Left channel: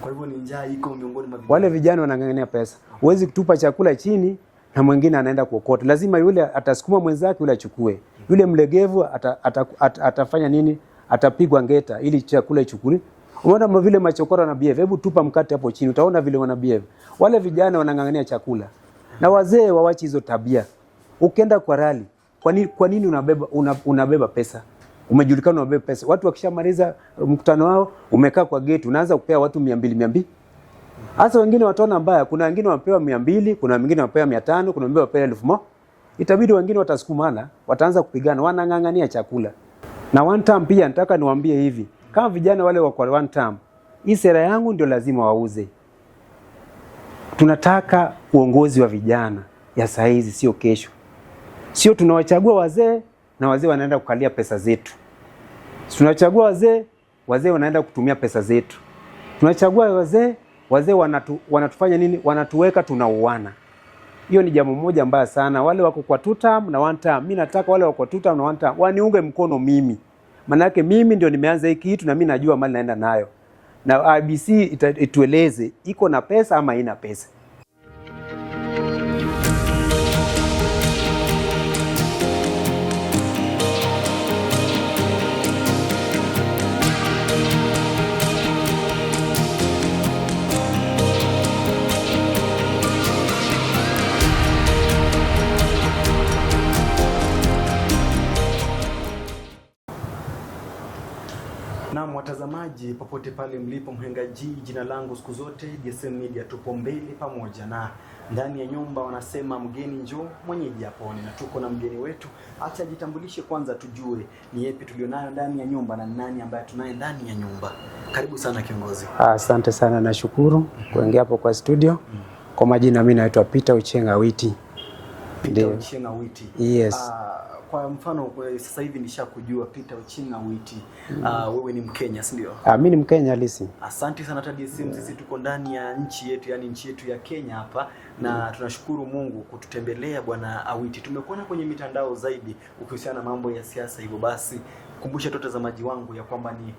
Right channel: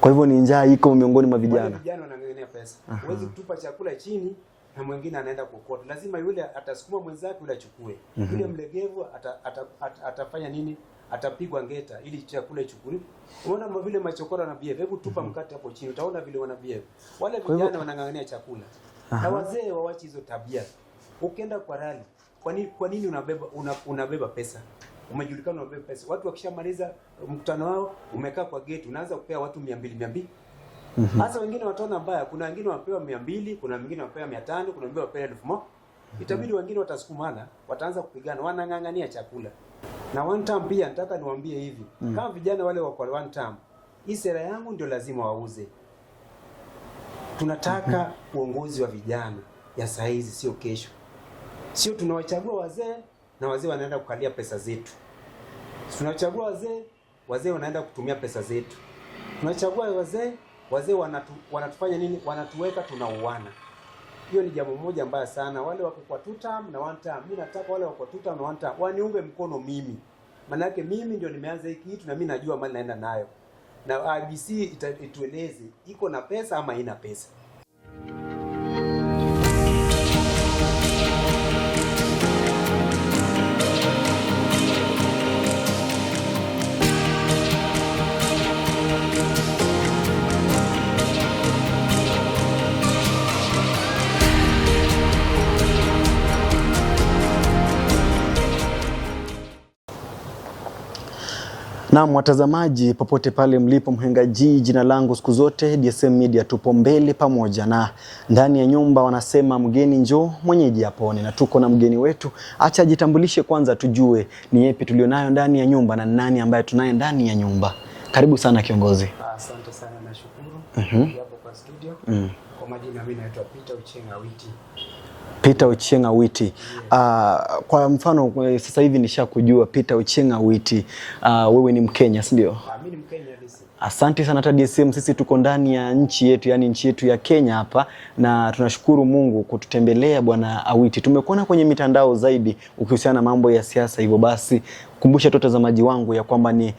Kwa hivyo ni njaa iko miongoni mwa vijana. Wale vijana wanang'ang'ania pesa. Huwezi kutupa chakula chini na mwingine anaenda kuokota. Lazima yule atasukuma mwenzake yule achukue. Yule mlegevu atafanya nini? Atapigwa ngeta ili chakula ichukue. Unaona vile machokora na behave. Hebu tupa mkate hapo chini utaona vile wana behave. Wale vijana wanang'ang'ania chakula. Na wazee waache hizo tabia. Ukienda kwa rally, kwa nini unabeba pesa? Umejulikana unabeba pesa. Watu wakishamaliza mkutano wao, umekaa kwa gate, unaanza kupea watu 200. Hasa wengine wataona mbaya, kuna wengine wapewa 200, kuna wengine wapewa 500, kuna wengine wapewa 1000. Itabidi wengine watasukumana, wataanza kupigana, wanang'ang'ania chakula. Na one time pia nataka niwaambie hivi, kama vijana wale wako one time, hii sera yangu ndio lazima wauze. Tunataka uongozi wa vijana ya saa hizi, sio kesho. Sio tunawachagua wazee na wazee wanaenda kukalia pesa zetu. Tunachagua wazee wanaenda kutumia pesa zetu. Tunachagua wazee wanatufanya nini? Wanatuweka tunauana. Hiyo ni jambo moja mbaya sana. Wale wako kwa 2 term na 1 term. Mimi nataka wale wako kwa 2 term na 1 term waniunge mkono mimi. Maana yake mimi ndio nimeanza hiki kitu na mimi najua mali naenda nayo. Na IBC itueleze iko na pesa ama haina pesa. Na watazamaji popote pale mlipo Mhenga G, jina langu siku zote DSM Media, tupo mbele pamoja na ndani ya nyumba wanasema mgeni njoo mwenyeji apone, na tuko na mgeni wetu. Acha ajitambulishe kwanza tujue ni yepi tulionayo ndani ya nyumba na nani ambaye tunaye ndani ya nyumba. Karibu sana kiongozi. Asante sana, nashukuru kuingia hapo kwa studio. Kwa majina mimi naitwa Peter Ochieng Awiti. Peter Ochieng Awiti. Yes. Kwa mfano sasa hivi nishakujua Peter Ochieng Awiti. Wewe ni Mkenya, si ndio? Mimi ni Mkenya halisi. Asante sana TDSM, sisi tuko ndani ya nchi yetu, yani nchi yetu ya Kenya hapa, na tunashukuru Mungu kututembelea bwana Awiti. Tumekuona kwenye mitandao zaidi ukihusiana na mambo ya siasa, hivyo basi kumbusha tu watazamaji wangu ya kwamba ni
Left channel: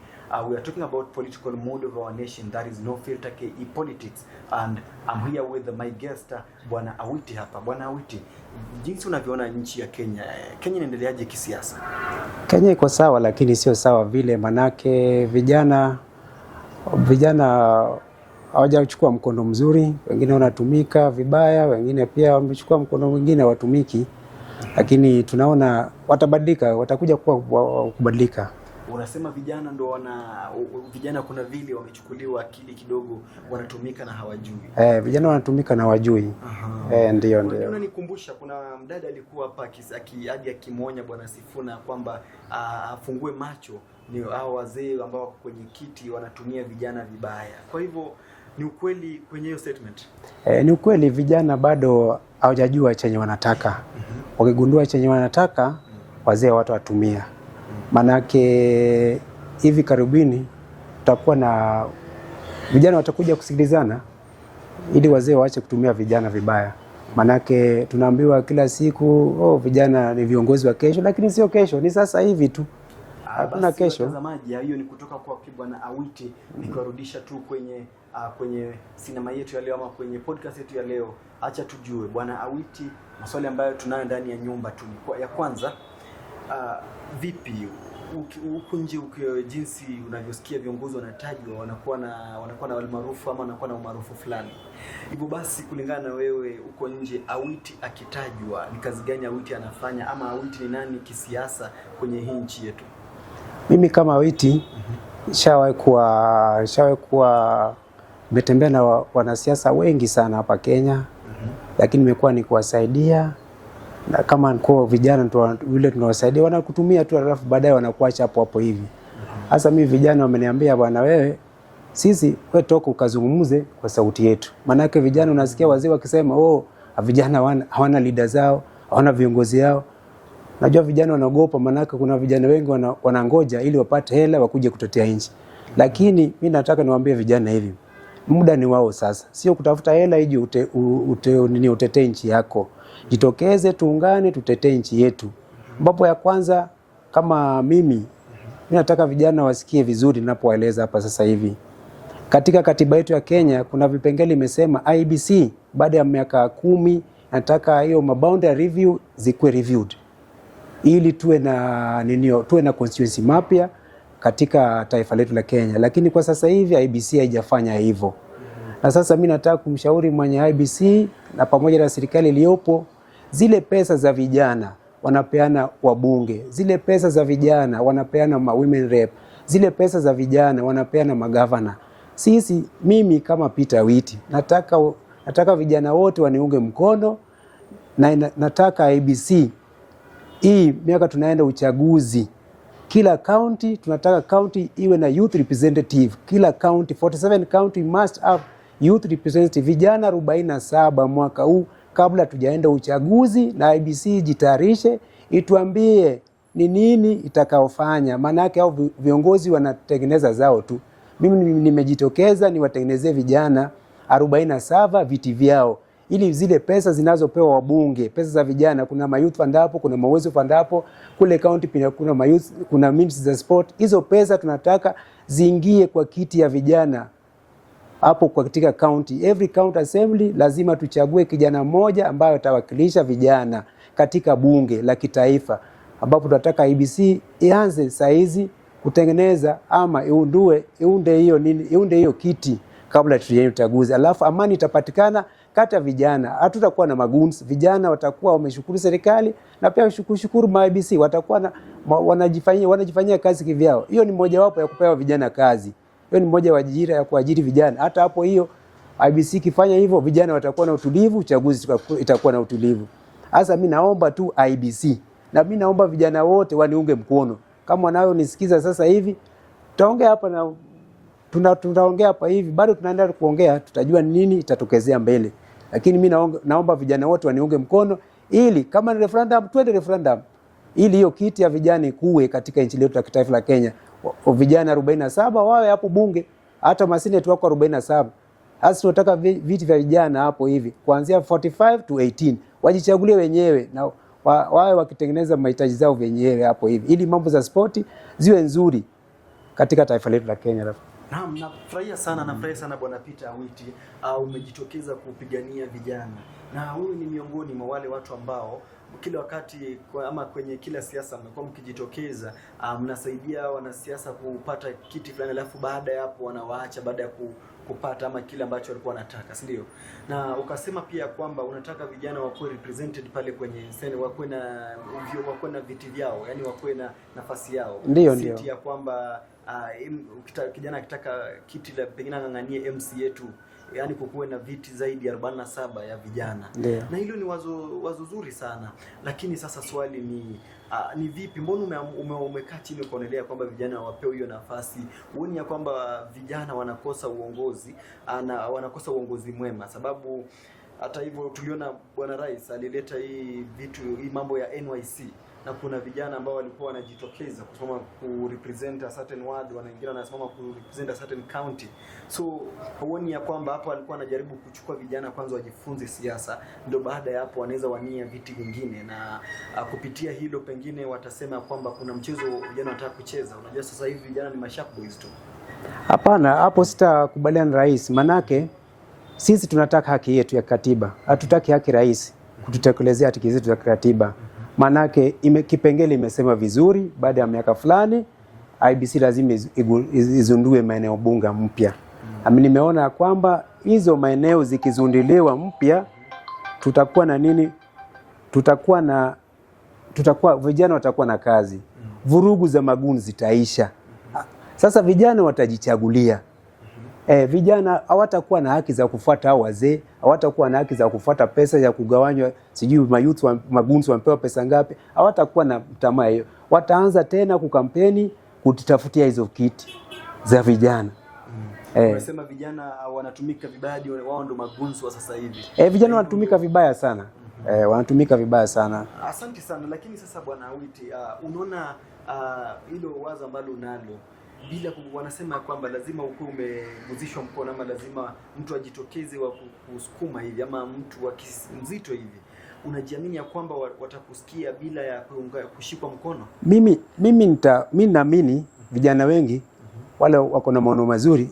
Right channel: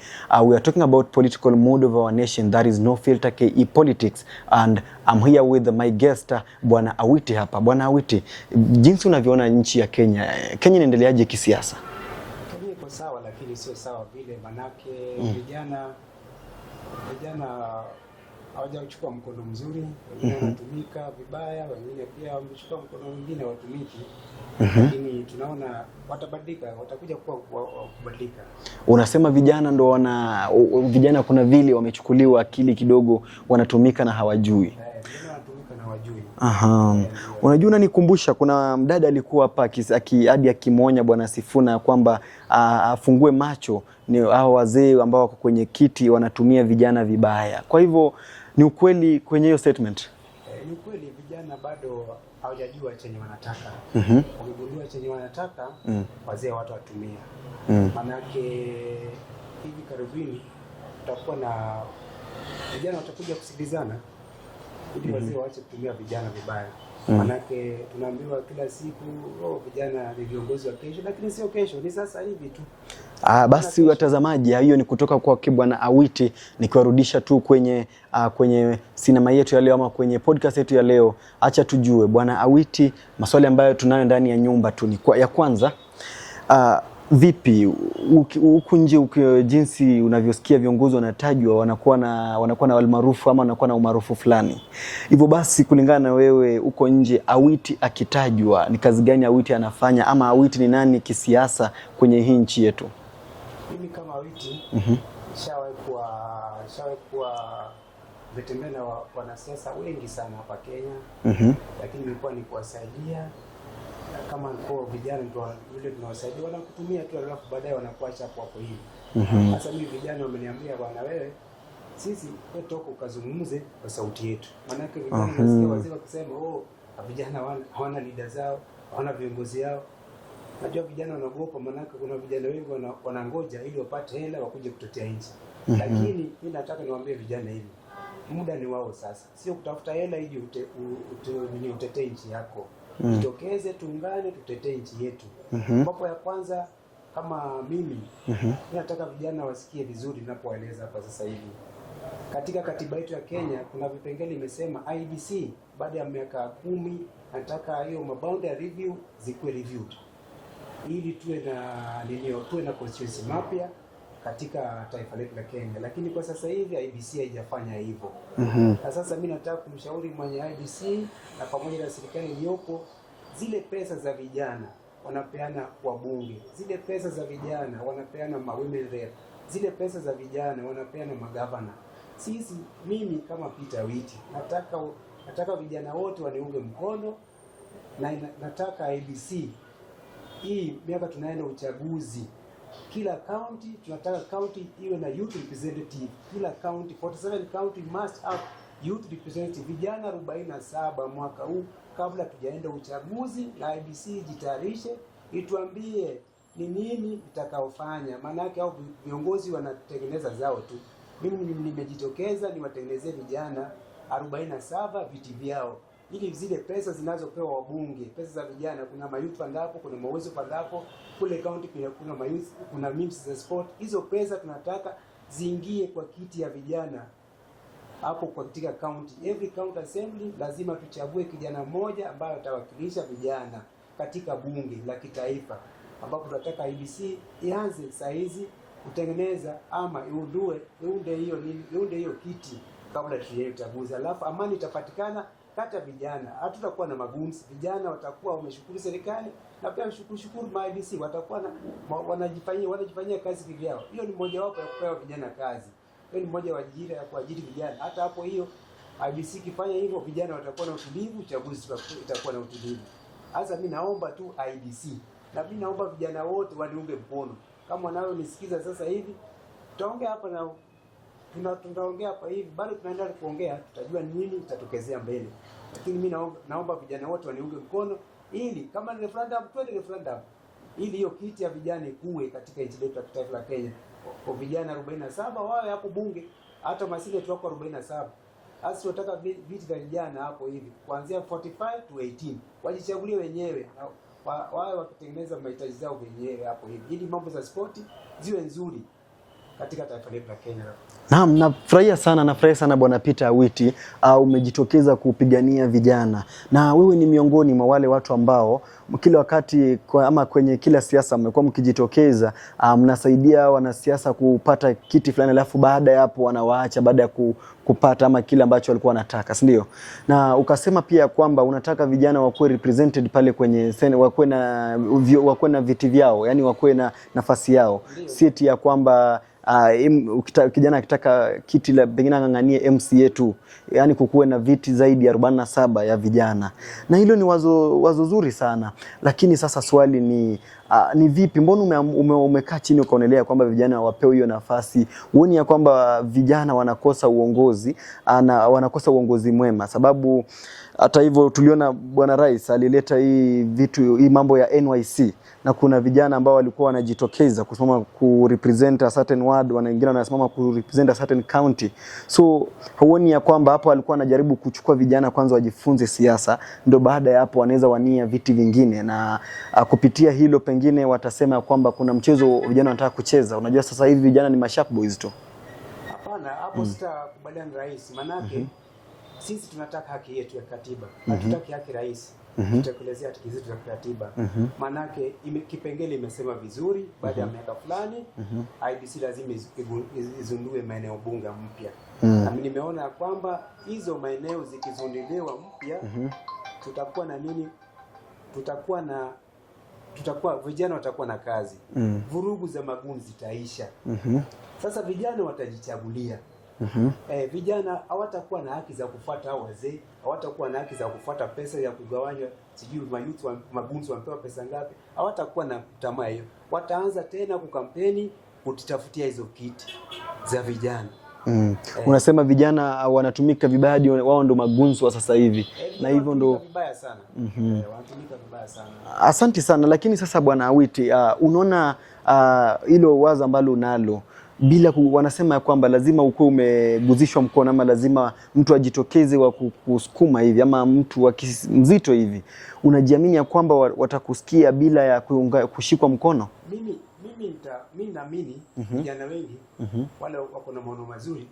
we are talking about political mood of our nation, that is no filter KE politics, and I'm here with my guest bwana Awiti hapa. Bwana Awiti, jinsi unavyoona nchi ya Kenya inaendeleaje kisiasa? Kenya iko sawa lakini sio sawa vile, manake vijana hawajachukua mkondo mzuri, wengine wanatumika vibaya, wengine pia wamechukua mkondo mwingine watumiki. Lakini tunaona watabadilika, watakuja kubadilika. Unasema vijana ndo vijana kuna vile wamechukuliwa akili kidogo, wanatumika na hawajui. Vijana wanatumika na hawajui. Ndio. Unajua unanikumbusha kuna mdada alikuwa hapa hadi akimonya bwana Sifuna kwamba afungue macho ni hao wazee ambao wako kwenye kiti wanatumia vijana vibaya. Kwa hivyo ni ukweli kwenye hiyo statement? Ni ukweli, vijana bado hawajajua chenye wanataka. Wakigundua chenye wanataka, wazee watu watumia. Manake hivi karibuni tutakuwa na vijana watakuja kusikilizana ili wazee waache kutumia vijana vibaya. Manake tunaambiwa kila siku vijana ni viongozi wa kesho, lakini sio kesho, ni sasa hivi tu. Basi watazamaji, hiyo ni kutoka kwa bwana Awiti, nikiwarudisha tu kwenye sinema yetu ya leo ama kwenye podcast yetu ya leo. Acha tujue bwana Awiti, maswali ambayo tunayo ndani ya nyumba tu ni ya kwanza, vipi huku nje jinsi unavyosikia viongozi wanatajwa wanakuwa na almaarufu ama wanakuwa na umaarufu fulani. Hivyo basi kulingana na wewe huko nje, Awiti akitajwa ni kazi gani Awiti anafanya, ama Awiti ni nani kisiasa kwenye hii nchi yetu? Mimi kama Awiti shawahi kuwa nimetembea na wanasiasa wengi sana hapa Kenya. Lakini nimekuwa ni kuwasaidia, na kama kwa vijana vile tunawasaidia wanakutumia tu, alafu baadaye wanakuacha hapo hivi. Sasa mimi vijana wameniambia bwana wewe toka ukazungumze kwa sauti yetu. Maana yake vijana unasikia wazee wakisema vijana hawana leader zao, hawana viongozi wao. Najua vijana wanaogopa, maana yake kuna vijana wengi wanangoja ili wapate hela wakuje kutetea nchi. Lakini mimi nataka niwaambie vijana hivi, muda ni wao sasa. Sio kutafuta hela ije utetee nchi yako. Jitokeze, tuungane, tutetee nchi yetu. Mambo ya kwanza kama mimi nataka vijana wasikie vizuri ninapowaeleza hapa sasa hivi. Katika katiba yetu ya Kenya kuna vipengele imesema IEBC baada ya miaka 10 nataka hiyo boundary review zikuwe reviewed, ili tuwe na constituency mapya katika taifa letu la Kenya. Lakini kwa sasa hivi IEBC haijafanya hivyo. Na sasa mimi nataka kumshauri mwenye IEBC na pamoja na serikali iliyopo, zile pesa za vijana wanapeana wabunge, zile pesa za vijana wanapeana women rep, zile pesa za vijana wanapeana magavana. Mimi kama Peter Awiti nataka vijana wote waniunge mkono, na nataka IEBC hii miaka tunaenda uchaguzi, kila county tunataka county iwe na youth representative. Kila county 47 county must have youth representative, vijana 47 mwaka huu kabla tujaenda uchaguzi. Na IEBC jitayarishe, ituambie ni nini itakaofanya, maana yake hao viongozi wanatengeneza zao tu. Mimi nimejitokeza niwatengenezee vijana 47 viti vyao, ili zile pesa zinazopewa wabunge, pesa za vijana, kuna mayouth fund hapo, kuna mawezo fund hapo, kule county pia kuna mayouth, kuna ministry za sport. Hizo pesa tunataka ziingie kwa kiti ya vijana hapo kwa katika county. Every county assembly lazima tuchague kijana mmoja ambaye atawakilisha vijana katika bunge la kitaifa, ambapo tunataka IEBC ianze saizi kutengeneza ama iunde hiyo kiti kabla tujaye uchaguzi. Alafu amani itapatikana kati ya vijana. Hatutakuwa na maguns, vijana watakuwa wameshukuru serikali na pia kushukuru IEBC, watakuwa wanajifanyia kazi kivyao. Hiyo ni moja wapo ya kupewa vijana kazi. Hiyo ni moja wa ajira ya kuajiri vijana. Hata hapo hiyo IEBC kifanya hivyo, vijana watakuwa na utulivu, uchaguzi itakuwa na utulivu. Sasa mimi naomba tu IEBC, na mimi naomba vijana wote waniunge mkono. Kama wanao nisikiza sasa hivi, tutaongea hapa na tunaongea hapa hivi, bado tunaendelea kuongea, tutajua nini itatokezea mbele. Lakini mimi naomba vijana wote waniunge mkono, ili kama ni referendum twende referendum, ili hiyo kiti ya vijana ikuwe katika nchi letu ya kitaifa la Kenya. Vijana 47 wawe hapo bunge, hata maseneti wako 47. Sasa tunataka viti vya vijana hapo hivi kuanzia 45 to 18 wajichagulie wenyewe, na wawe wakitengeneza mahitaji zao wenyewe hapo hivi, ili mambo za spoti ziwe nzuri katika taifa letu la Kenya. Naam, nafurahia sana Bwana Peter Awiti, umejitokeza kupigania vijana, na wewe ni miongoni mwa wale watu ambao kila wakati ama kwenye kila siasa mmekuwa mkijitokeza, mnasaidia wanasiasa kupata kiti fulani, alafu baada ya hapo wanawaacha baada ya kupata ama kile ambacho walikuwa wanataka, si ndio? Na ukasema pia kwamba unataka vijana wakuwe represented pale kwenye wakuwe na viti vyao, yani wakuwe na nafasi yao, siti ya kwamba kijana akitaka kiti la pengine ang'ang'anie MCA tu, yani kukuwe na viti zaidi ya 47 ya vijana. Na hilo ni wazo zuri sana, lakini sasa swali ni vipi, mbona umekaa chini ukaonelea kwamba vijana wapewe hiyo nafasi? Uone ya kwamba vijana wanakosa uongozi na wanakosa uongozi mwema? Sababu hata hivyo tuliona Bwana Rais alileta hii mambo ya NYC, na kuna vijana ambao walikuwa wanajitokeza kusimama ku represent a certain ward, wengine wanasimama ku represent a certain county. So huoni ya kwamba hapo alikuwa anajaribu kuchukua vijana kwanza wajifunze siasa, ndio baada ya hapo wanaweza wania viti vingine, na kupitia hilo pengine watasema kwamba kuna mchezo vijana wanataka kucheza. Unajua sasa hivi vijana ni masharp boys tu. Hapana, hapo sitakubaliana na rais, manake sisi tunataka haki yetu ya katiba. Hatutaki haki rais. Tutakelezea haki zetu za katiba. Manake kipengele imesema vizuri, baada ya miaka fulani IEBC lazima izundue maeneo bunge mpya. Nimeona kwamba hizo maeneo zikizunduliwa mpya, tutakuwa na nini? Vijana watakuwa na kazi. Vurugu za maguni zitaisha. Sasa vijana watajichagulia. Vijana hawatakuwa na haki za kufuata hao wazee, hawatakuwa na haki za kufuata pesa ya kugawanywa, sijui mayouth magunzi wamepewa pesa ngapi. Hawatakuwa na tamaa hiyo. Wataanza tena kukampeni kutafutia hizo kiti za vijana. Unasema vijana wanatumika vibaya, wao ndo magunzi wa sasa hivi. Vijana wanatumika vibaya sana. Wanatumika vibaya sana. Asante sana. Lakini sasa Bwana Awiti, unaona hilo wazo ambalo unalo, bila wanasema kwamba lazima ukuwe umeguzishwa mkono, ama lazima mtu ajitokeze wa kusukuma hivi, ama mtu mzito hivi, unajiamini ya kwamba watakusikia bila ya kushikwa mkono? Mimi naamini vijana wengi wale wako na maono mazuri,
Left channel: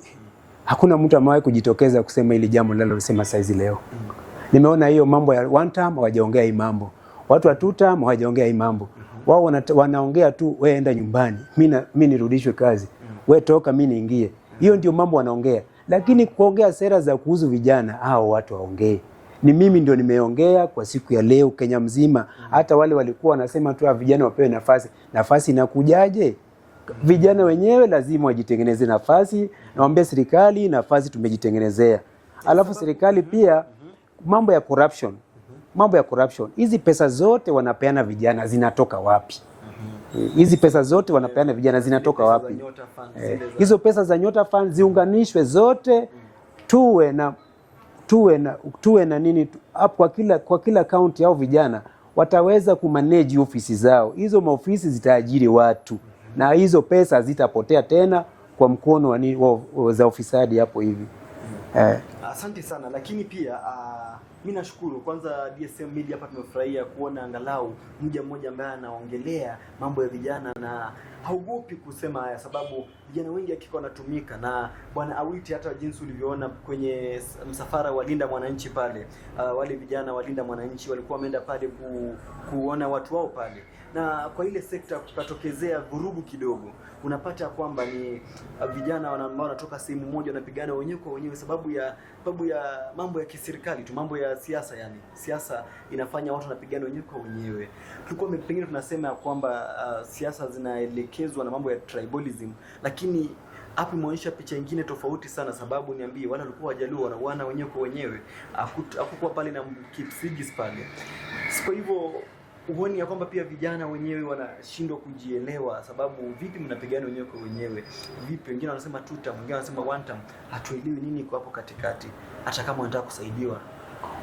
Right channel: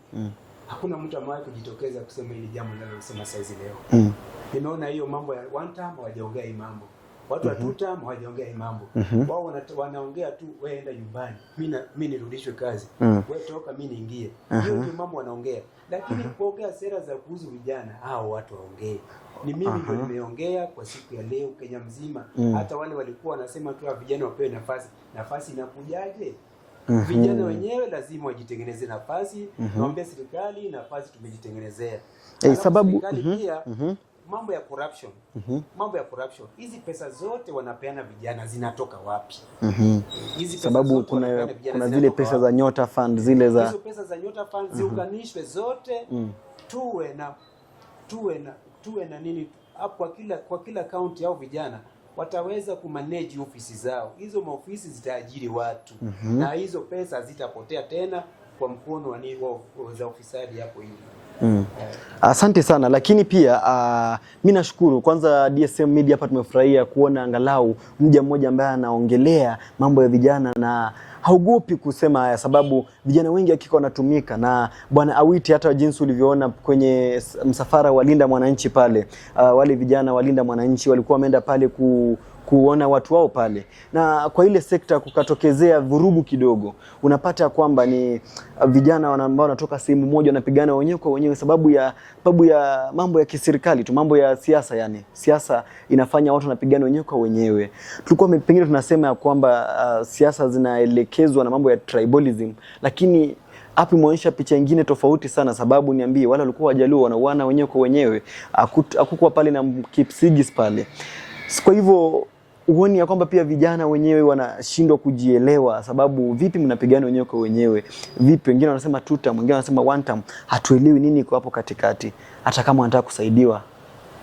Hakuna mtu amewahi kujitokeza kusema hili jambo linalosema saizi leo. Nimeona hiyo mambo ya one term hawajaongea hii mambo. Watu wa two term hawajaongea hii mambo. Wao wanaongea tu, wewe enda nyumbani, mimi nirudishwe kazi. Wewe toka, mimi niingie. Hiyo ndio mambo wanaongea. Lakini kuongea sera za kuhusu vijana, hao watu waongee. Ni mimi ndio nimeongea kwa siku ya leo Kenya mzima. Hata wale walikuwa wanasema tu vijana wapewe nafasi. Nafasi inakujaje? Vijana wenyewe lazima wajitengeneze nafasi. Naomba serikali nafasi tumejitengenezea. Alafu serikali pia mambo ya corruption. Mambo ya corruption. Hizi pesa zote wanapeana vijana zinatoka wapi? Hizi pesa zote wanapeana vijana zinatoka wapi? Pesa za Nyota Fund zile za hizo pesa za Nyota Fund ziunganishwe zote, tuwe na nini hapo kwa kila county au vijana wataweza kumanage ofisi zao. Hizo maofisi zitaajiri watu na hizo pesa zitapotea tena kwa mkono za ofisadi hapo hivi. Asante sana, lakini pia mimi nashukuru kwanza DSM Media hapa tumefurahia kuona angalau mmoja ambaye anaongelea mambo ya vijana na haugopi kusema haya, sababu vijana wengi hakika wanatumika. Na Bwana Awiti, hata jinsi ulivyoona kwenye msafara wa Linda Mwananchi pale, wale vijana wa Linda Mwananchi walikuwa wameenda pale kuona watu wao pale, na kwa ile sekta kukatokezea vurugu kidogo. Unapata kwamba ni vijana ambao wanatoka sehemu moja wanapigana wenyewe kwa wenyewe sababu ya mambo ya kiserikali tu, mambo ya siasa. Yani siasa inafanya watu wanapigana wenyewe kwa wenyewe. Tulikuwa pengine tunasema kwamba siasa zinaelekezwa na mambo ya tribalism, lakini hapo imeonyesha picha nyingine tofauti sana, sababu niambie, wale walikuwa Wajaluo wanauana wenyewe kwa wenyewe, hakukuwa pale na Kipsigis pale. Kwa hivyo uone ya kwamba pia vijana wenyewe wanashindwa kujielewa, sababu vipi mnapigana wenyewe kwa wenyewe? Vipi wengine wanasema two term, wengine wanasema one term, hatuelewi nini iko hapo katikati, hata kama wanataka kusaidiwa.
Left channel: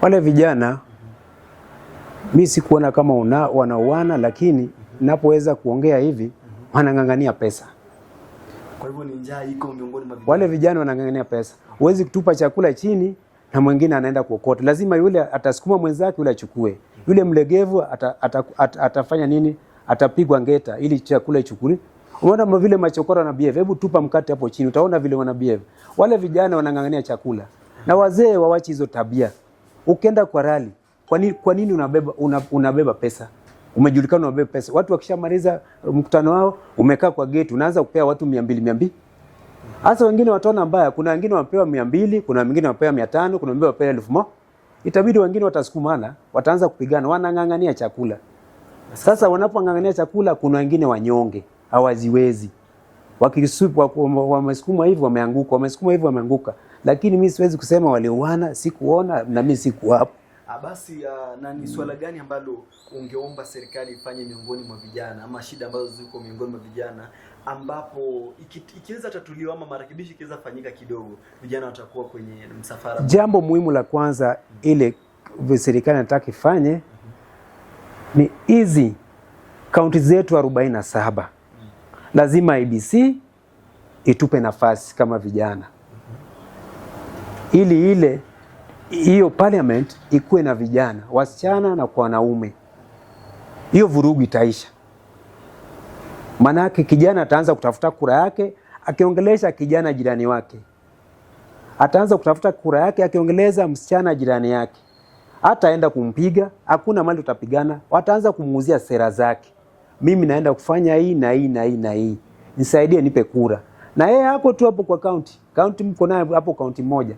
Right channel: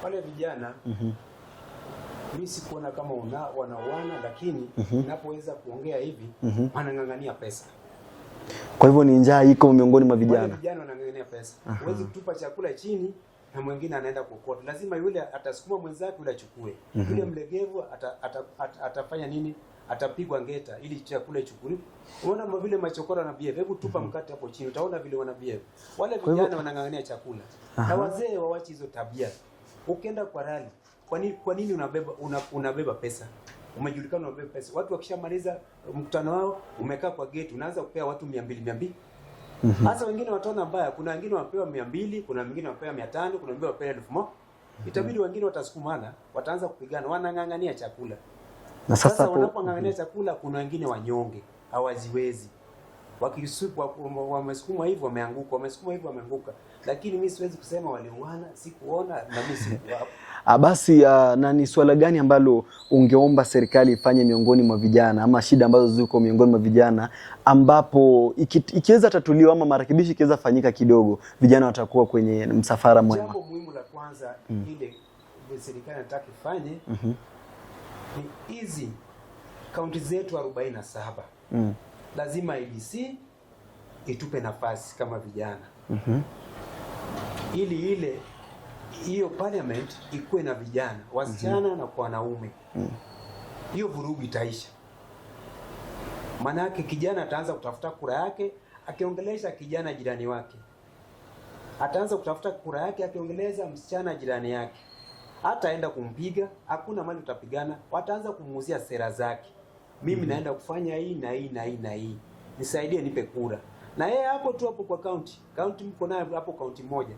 Wale vijana mimi sikuona kama wanauana, lakini ninapoweza kuongea hivi wanang'ang'ania pesa. Kwa hivyo ni njaa iko miongoni mwa vijana. Wale vijana wanang'ang'ania pesa. Huwezi kutupa chakula chini na mwingine anaenda kuokota. Lazima yule atasukuma mwenzake yule achukue. Yule mlegevu atafanya nini? Atapigwa ngeta ili chakula ichukue. Unaona vile machokora na behave. Hebu tupa mkate hapo chini, utaona vile wana behave. Wale vijana wanang'ang'ania chakula. Na wazee waache hizo tabia. Ukienda kwa rally, kwa nini unabeba pesa? Umejulikana unabeba pesa. Watu wakishamaliza mkutano wao, umekaa kwa gate, unaanza kupea watu 200. Hasa wengine wataona mbaya, kuna wengine wapewa 200, kuna wengine wapewa 500, kuna wengine wapewa 1000. Itabidi wengine watasukumana, wataanza kupigana, wanang'ang'ania chakula. Na sasa wanapong'ang'ania chakula, kuna wengine wanyonge, hawaziwezi. Wakisupa wamesukuma hivi wameanguka, wamesukuma hivi wameanguka. Lakini mimi siwezi kusema walioana, sikuona na mimi sikuwa hapo. Basi na ni swala gani ambalo ungeomba serikali ifanye miongoni mwa vijana, ama shida ambazo ziko miongoni mwa vijana ambapo ikiweza tatuliwa ama marekebisho ikiweza fanyika kidogo, vijana watakuwa kwenye msafara mwema? Jambo muhimu la kwanza ile serikali inataka ifanye ni hizi kaunti zetu 47. Lazima IBC itupe nafasi kama vijana. Ili hiyo parliament ikuwe na vijana, wasichana na kwa wanaume. Hiyo vurugu itaisha. Manake kijana ataanza kutafuta kura yake akiongelesha kijana jirani wake. Ataanza kutafuta kura yake akiongeleza msichana jirani yake. Hataenda kumpiga, hakuna mali utapigana, wataanza kumuuzia sera zake. Mimi naenda kufanya hii na hii na hii na hii. Nisaidie nipe kura. Na yeye hapo tu hapo kwa county mko naye hapo county moja.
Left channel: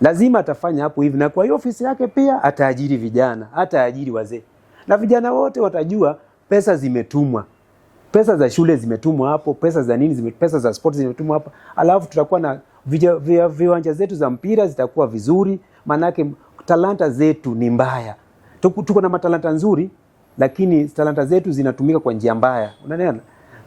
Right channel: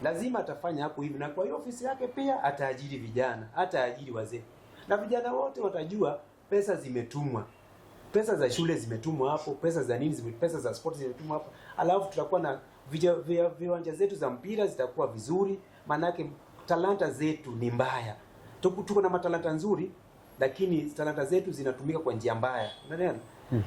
Lazima atafanya hapo hivi, na kwa hiyo ofisi yake pia ataajiri vijana, ataajiri wazee. Na vijana wote watajua pesa zimetumwa. Pesa za shule zimetumwa hapo, pesa za nini pesa za sport zimetumwa hapo. Alafu tutakuwa na viwanja zetu za mpira zitakuwa vizuri, manake talanta zetu ni mbaya. Tuko na matalanta nzuri, lakini talanta zetu zinatumika kwa njia mbaya. Unaelewa?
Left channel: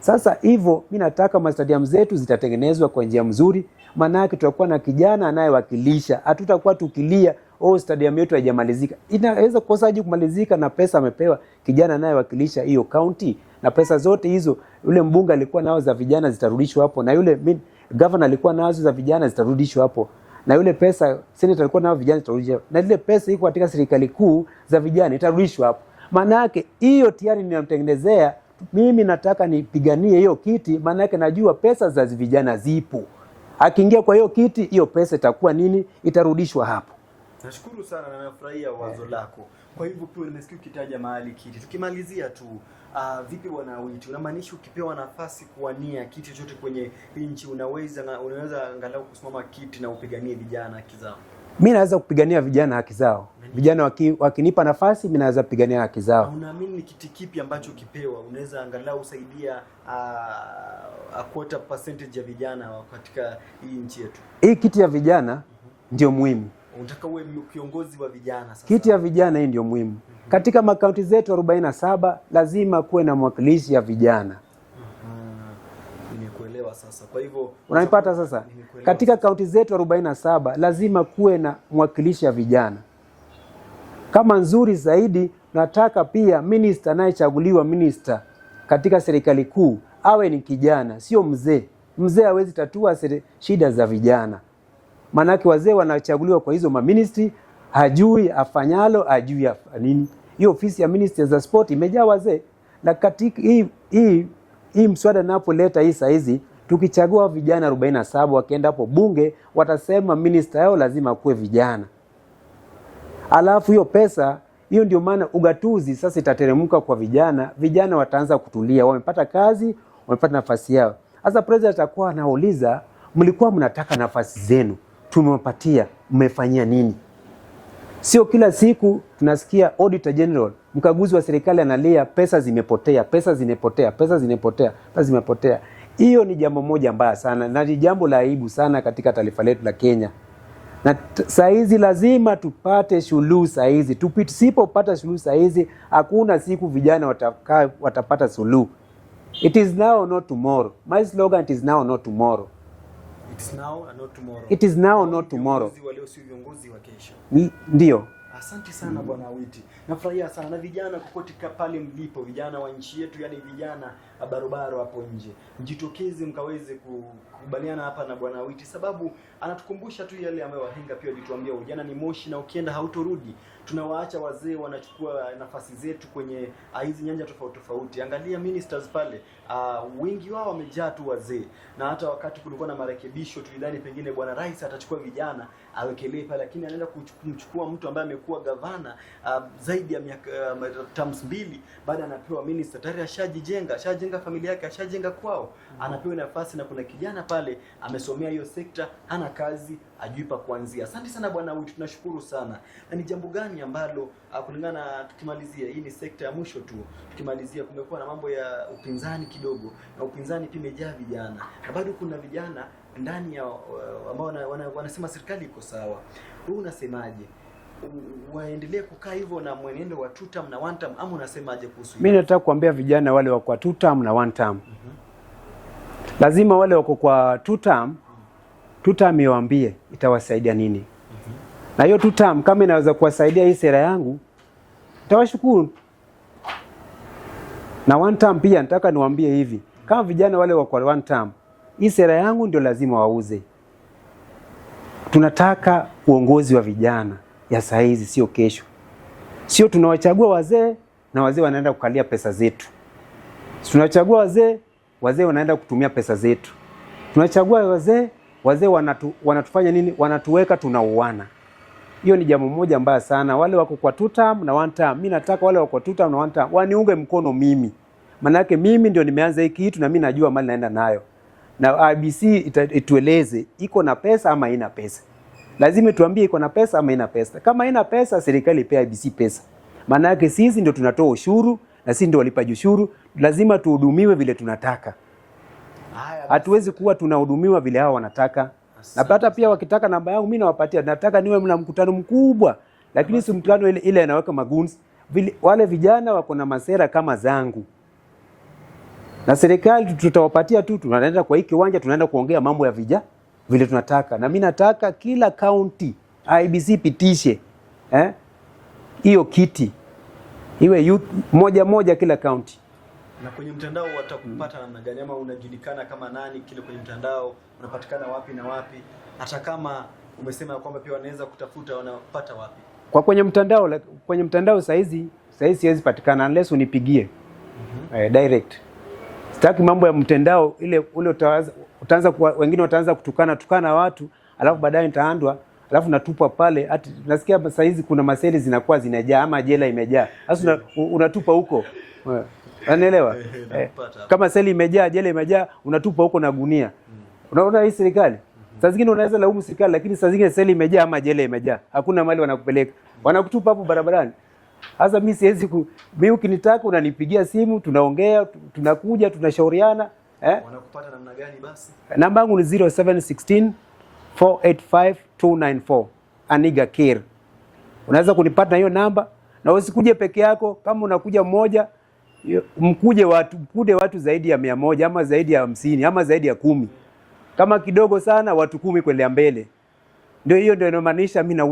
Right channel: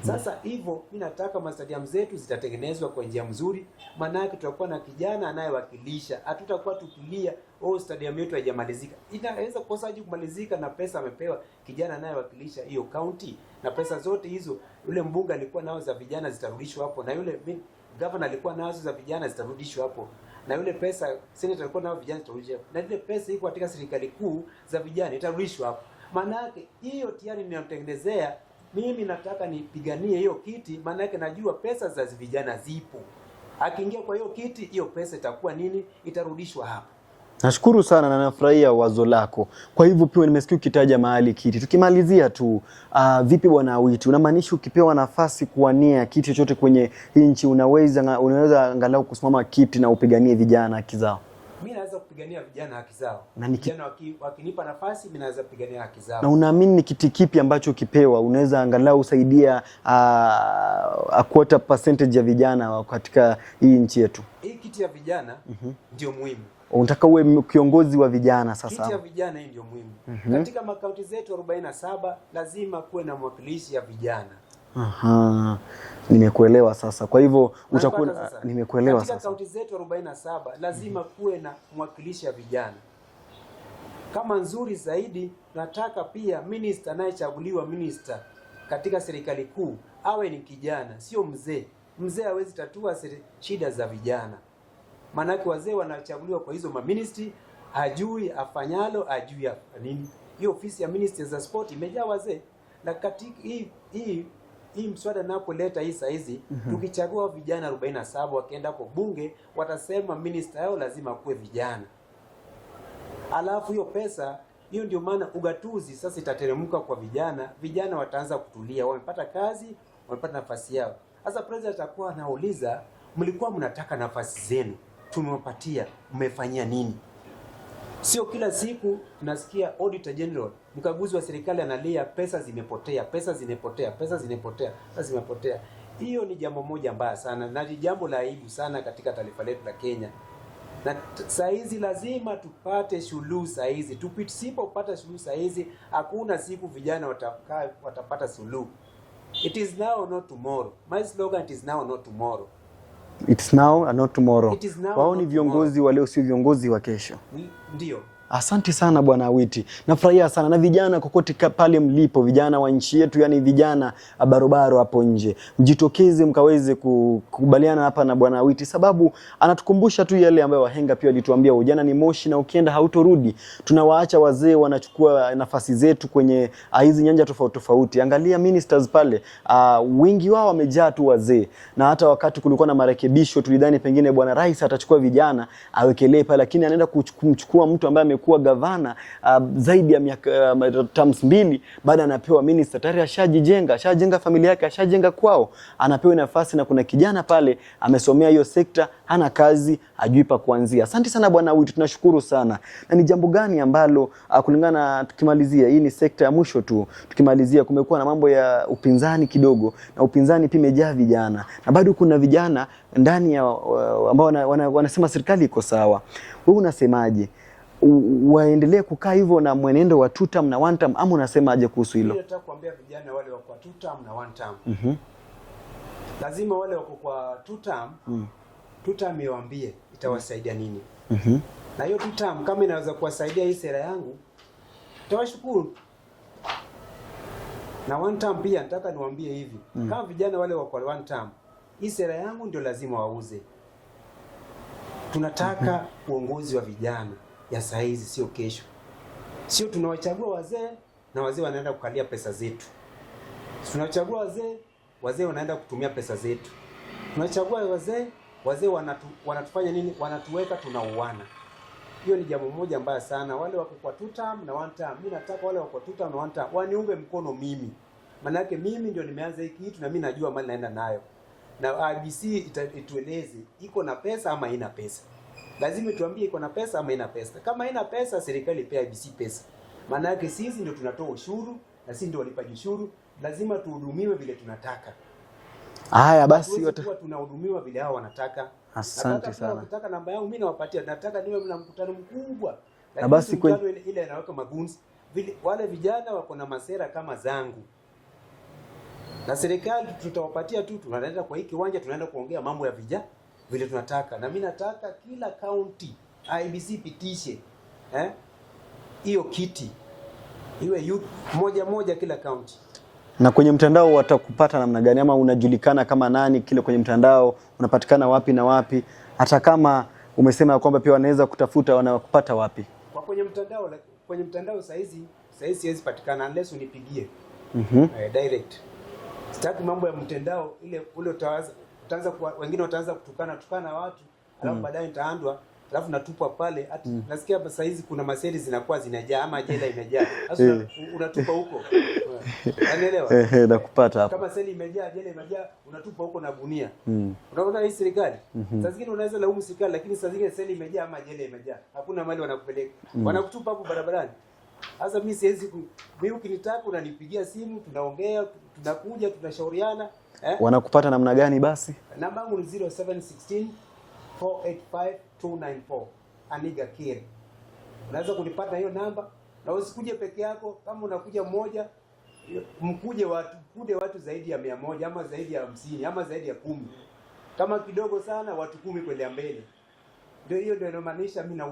Sasa hivyo mimi nataka stadium zetu zitatengenezwa kwa njia nzuri, maana yake tutakuwa na kijana anayewakilisha. Hatutakuwa tukilia stadium yetu haijamalizika. Inaweza kukosaje kumalizika na pesa amepewa kijana anayewakilisha hiyo county, na pesa zote hizo yule mbunge alikuwa nao za vijana zitarudishwa hapo, na yule governor alikuwa nazo za vijana zitarudishwa hapo, na yule pesa senator alikuwa nao vijana zitarudishwa, na ile pesa iko katika serikali kuu za vijana itarudishwa hapo. Maana yake hiyo tayari ninamtengenezea. Mimi nataka nipiganie hiyo kiti, maana yake najua pesa za vijana zipo. Akiingia kwa hiyo kiti, hiyo pesa itakuwa nini? Itarudishwa hapo. Nashukuru sana na nafurahia wazo lako. Kwa hivyo pia nimesikia ukitaja mahali kiti. Tukimalizia tu, vipi bwana Awiti, unamaanisha ukipewa nafasi kuwania kiti chochote kwenye nchi unaweza angalau kusimama kiti na upiganie vijana haki zao? Mimi naweza kupigania vijana haki zao. Vijana wakinipa nafasi, mimi naweza kupigania haki zao. Na unaamini ni kiti kipi ambacho ukipewa unaweza angalau usaidia a quarter percentage ya vijana katika hii nchi yetu? Hii kiti ya vijana ndio muhimu. Unataka uwe kiongozi wa vijana sasa. Kiti ya vijana hii ndio muhimu. Katika makaunti zetu 47 lazima kuwe na mwakilishi ya vijana. Nimekuelewa sasa. Kwa hivyo unapata sasa. Nimekuelewa. Katika kaunti zetu 47 lazima kuwe na mwakilishi ya vijana. Kama nzuri zaidi, nataka pia minister anayechaguliwa minister katika serikali kuu awe ni kijana, sio mzee. Mzee hawezi tatua shida za vijana. Manake wazee wanachaguliwa kwa hizo maministry, hajui afanyalo, hajui nini. Hiyo ofisi ya minister za sport imejaa wazee. Na katika hii mswada napoleta hii saizi, tukichagua vijana 47 wakienda hapo bunge, watasema minister yao lazima kuwe vijana. Alafu hiyo pesa, hiyo ndio maana ugatuzi sasa itateremka kwa vijana. Vijana wataanza kutulia, wamepata kazi, wamepata nafasi yao. Sasa president atakuwa anauliza, mlikuwa mnataka nafasi zenu, tumewapatia, mmefanyia nini? Sio kila siku tunasikia auditor general, mkaguzi wa serikali analia pesa zimepotea, pesa zimepotea, pesa zimepotea, pesa zimepotea. Hiyo ni jambo moja mbaya sana na ni jambo la aibu sana katika taifa letu la Kenya. Na saa hizi lazima tupate suluhu saa hizi. Tusipopata suluhu saa hizi, hakuna siku vijana watapata suluhu. It is now or not tomorrow. My slogan, it is now or not tomorrow. It's now and not tomorrow. It is now or not tomorrow. Viongozi wa leo sio viongozi wa kesho. Ndio. Asante sana bwana Awiti. Nafurahia sana na vijana kokote pale mlipo, vijana wa nchi yetu, yani vijana barobaro hapo nje. Mjitokeze mkaweze kukubaliana hapa na bwana Awiti, sababu anatukumbusha tu yale ambayo wahenga pia walituambia, ujana ni moshi na ukienda hautorudi. Tunawaacha wazee wanachukua nafasi zetu kwenye hizi nyanja tofauti tofauti. Angalia ministers pale, wengi wao wamejaa tu wazee. Na hata wakati kulikuwa na marekebisho tulidhani pengine bwana rais atachukua vijana awekelee pale, lakini anaenda kumchukua mtu ambaye kuwa gavana zaidi ya miaka terms 2, baada anapewa minister tayari ashajenga familia yake, ashajenga kwao, anapewa nafasi na kuna kijana pale amesomea hiyo sekta, hana kazi, hajui pa kuanzia. Asante sana bwana Awiti, tunashukuru sana. Na ni jambo gani ambalo kulingana, tukimalizia hii ni sekta ya mwisho tu, tukimalizia, kumekuwa na mambo ya upinzani kidogo, na upinzani pia imejaa vijana na bado kuna vijana ndani ya ambao wanasema serikali iko sawa. Wewe unasemaje? Waendelee kukaa hivyo na mwenendo wa 2 term na 1 term, ama unasemaje kuhusu hilo? Mimi nataka kuambia vijana wale wako kwa 2 term na 1 term. Lazima wale wako kwa 2 term, 2 term iwaambie itawasaidia nini. Na hiyo 2 term kama inaweza kuwasaidia hii sera yangu, tawashukuru. Na 1 term pia nataka niwaambie hivi, kama vijana wale wako kwa 1 term, hii sera yangu ndio lazima wauze. Tunataka uongozi wa vijana ya saa hizi, sio kesho. Sio tunawachagua wazee na wazee wanaenda kukalia pesa zetu. Tunachagua wazee wanaenda kutumia pesa zetu. Tunachagua wazee wanatufanya nini? Wanatuweka tunauana. Hiyo ni jambo moja mbaya sana. Wale wako kwa 2 term na 1 term, mimi nataka wale wako kwa 2 term na 1 term waniunge mkono mimi. Maana yake mimi ndio nimeanza hiki kitu na mimi najua mali naenda nayo. Na IBC itueleze iko na pesa ama haina pesa. Lazima tuambie iko na pesa ama haina pesa. Kama haina pesa, serikali ipe IBC pesa. Maana yake sisi ndio tunatoa ushuru na sisi ndio walipaji ushuru, lazima tuhudumiwe vile tunataka. Haya basi, tuweze kuwa tunahudumiwa vile hao wanataka. Na hata pia wakitaka namba yangu mimi nawapatia. Nataka niwe na mkutano mkubwa. Lakini si mkutano ile inaweka magunzi. Wale vijana wako na masera kama zangu. Na serikali tutawapatia tu, tunaenda kwa hiki kiwanja, tunaenda kuongea mambo ya vijana vile tunataka. Na mimi nataka kila county IBC pitishe hiyo kiti iwe youth moja kila county. Na kwenye mtandao watakupata namna gani, ama unajulikana kama nani kile kwenye mtandao, unapatikana wapi na wapi? Hata kama umesema kwamba pia wanaweza kutafuta, wanakupata wapi? Kwa kwenye mtandao saizi siwezi patikana unless unipigie direct. Sitaki mambo ya mtandao ule utawaza wengine wataanza tukana watu, alafu baadaye nitaandwa, alafu natupwa pale. Ati nasikia saa hizi kuna maseli zinakuwa zinajaa ama jela imejaa. Sasa unatupa huko. Unaelewa? Nakupata hapo. Kama seli imejaa, jela imejaa, unatupa huko na gunia. Unaona hii serikali? Saa zingine unaweza laumu serikali, lakini saa zingine seli imejaa ama jela imejaa. Hakuna mahali wanakupeleka. Wanakutupa hapo barabarani. Sasa mimi siwezi mimi ukinitaka unanipigia simu, tunaongea, tunakuja, tunashauriana. Wanakupata namna gani basi? Namba yangu ni 0716 485 294. Aniga Kir. Unaweza kunipata na hiyo namba, na usikuje peke yako. Kama unakuja mmoja, mkude watu zaidi ya 100 ama zaidi ya 50 ama zaidi ya 10. Kama kidogo sana watu 10 kwenda mbele. Ndio inamaanisha mimi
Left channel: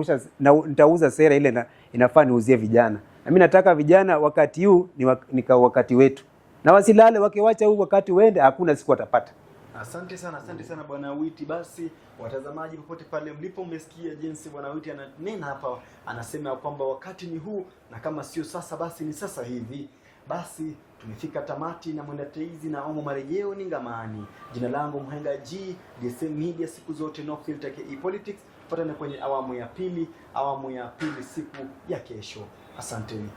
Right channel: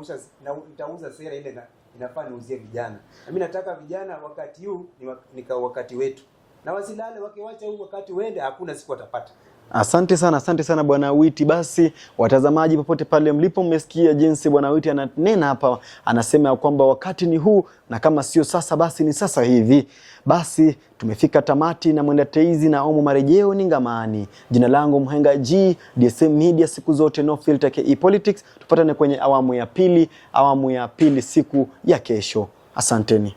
nitauza sera ile inafaa niuzie vijana. Na mimi nataka vijana wakati huu ni wakati wetu. Na wasilale, wakiwacha huu wakati uende, hakuna siku watapata. Asante sana Bwana Awiti. Basi watazamaji popote pale mlipo, mmesikia jinsi Bwana Awiti ananena hapa, anasema kwamba wakati ni huu, na kama sio sasa basi ni sasa hivi. Basi tumefika tamati na mwenda teizi na omo marejeo ni ngamani. Jina langu Mhenga G, DSM Media, siku zote no filter KE Politics. Tupatane kwenye awamu ya pili siku ya kesho. Asanteni.